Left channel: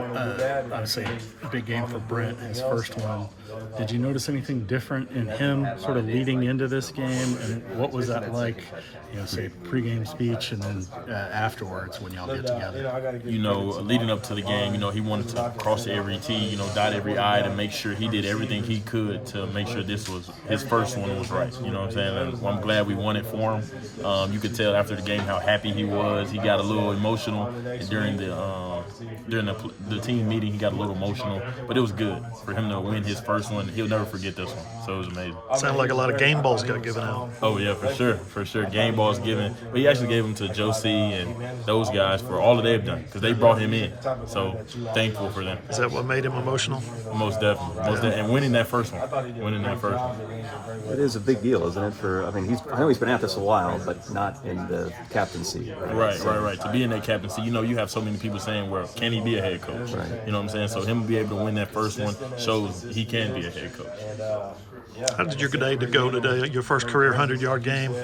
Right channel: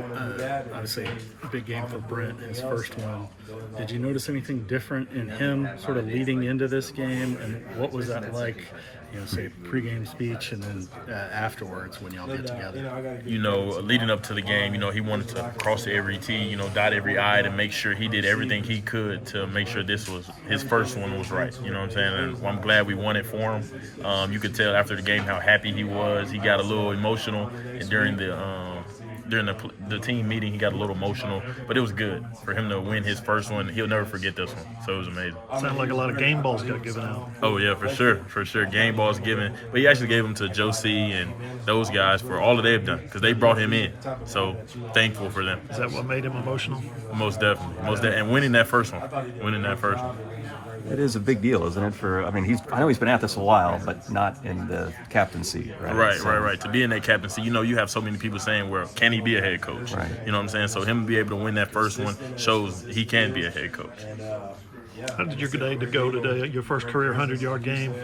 I would say big game for Brent, his first one. Did you notice anything different in him sort of leading into this game? And what was that like, say pregame speech and then afterwards when y'all get together? Leading up to the game, he wanted to cross every T, dot every I to make sure he did everything he could to make sure this was his first one was right. You know what I'm saying? And I'm glad we won it for him. You could tell after the game how happy he was. He got a little emotional during the team meeting. He got a little emotional, but it was good for him to win his first one. He'll never forget this one. So it was amazing. Sounded like a lot of game balls got given out. Oh yeah, for sure. Game balls given, but he actually gave them to Josie and those guys for all that they've done because they brought him in. So thankful for them. Is that what made him emotional? Most definitely. And winning that first one. It is a big deal, isn't it? I know he's been at this a while, but not in the captaincy. Right. To be in that captaincy, you have so many people saying, well, can he be a head coach? Right. You know what I'm saying? So him to be able to win that first one shows he can be a head coach. How did your day go today? Your first career 100-yard game?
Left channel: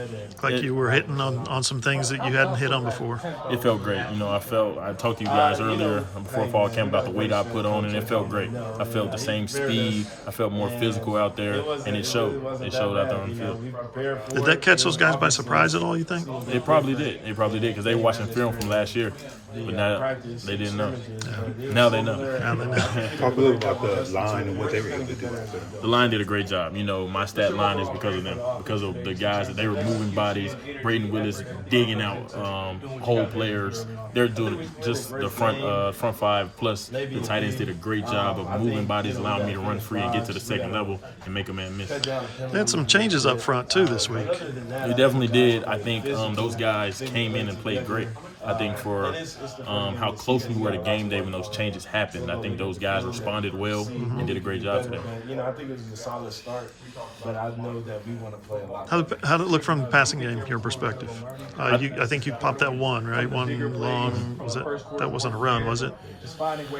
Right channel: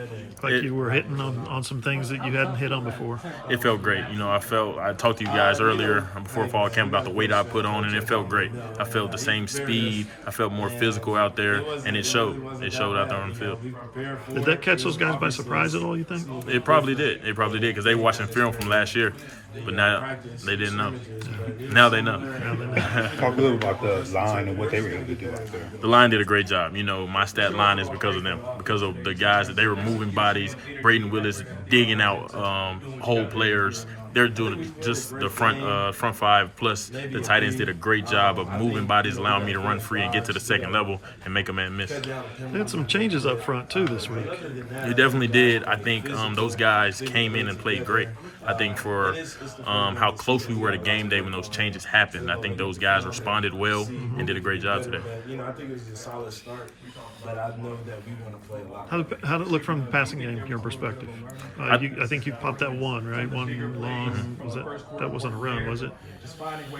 Like you were hitting on some things that you hadn't hit on before. It felt great. I talked to you guys earlier before fall camp about the weight I put on, and it felt great. I felt the same speed. I felt more physical out there, and it showed. It showed out there on the field. Did that catch those guys by surprise at all, you think? It probably did. Because they were watching film from last year. But now they didn't know. Yeah. Now they know. Talk a little about the line and what they were able to do. The line did a great job. My stat line is because of them, because of the guys that they were moving bodies. Braden Willis digging out whole players. They're doing just the front five plus the tight ends did a great job of moving bodies, allowing me to run free and get to the second level and make a man miss. They had some changes up front too this week. They definitely did. I think those guys came in and played great. I think for how close we were to game day when those changes happened, I think those guys responded well and did a great job today. I think it was a solid start, but I know that we want to play a lot. How did it look from the passing game, your perspective? I think you popped that one, right? One long, that wasn't a run, was it?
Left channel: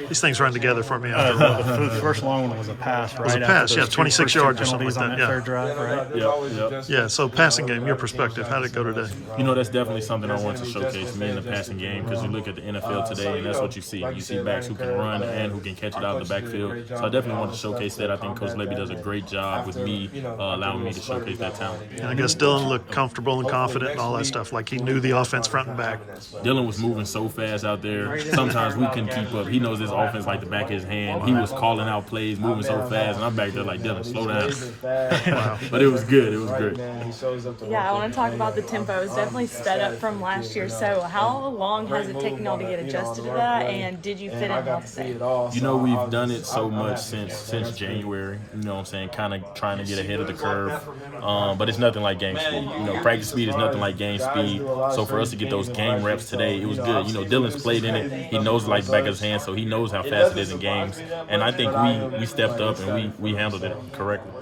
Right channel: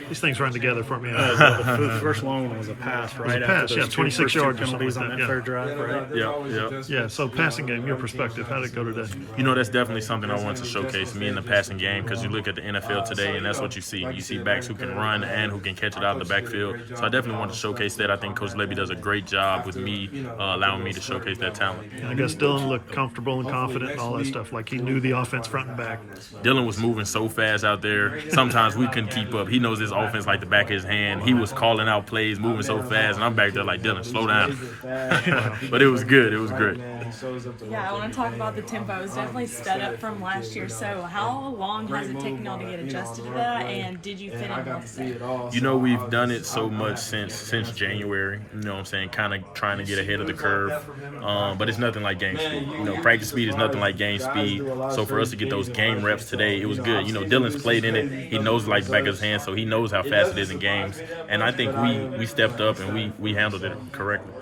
These things run together for me after a while. The first long one was a pass, right? It was a pass, yeah, 26 yards or something like that, yeah. Drive, right? Yep. Yeah, so passing game, your perspective, how did it go today? That's definitely something I wanted to showcase, me in the passing game, because you look at the NFL today, and that's what you see. You see backs who can run and who can catch it out of the backfield. So I definitely want to showcase that. I think Coach Levy does a great job with me, allowing me to showcase that talent. And I guess Dylan looked comfortable and confident and all that stuff, like he knew the offense front and back. Dylan was moving so fast out there. Sometimes we couldn't keep up. He knows this offense like the back of his hand. He was calling out plays, moving so fast, and I'm back there like, Dylan, slow down. Wow. But it was good. It was great. Yeah, I want to talk about the tempo. It's definitely sped up from last year. So how long has it taken y'all to get adjusted to that, and did you fit in well today? We've done it so much since January. You know what I'm saying? Kind of trying to get ahead of the curve. But it's nothing like game speed. Practice speed is nothing like game speed. So for us to get those game reps today, it was good. Dylan's played in it. He knows it like the back of his hand, so he knows how fast it is in games. And I think we stepped up and we handled it correctly.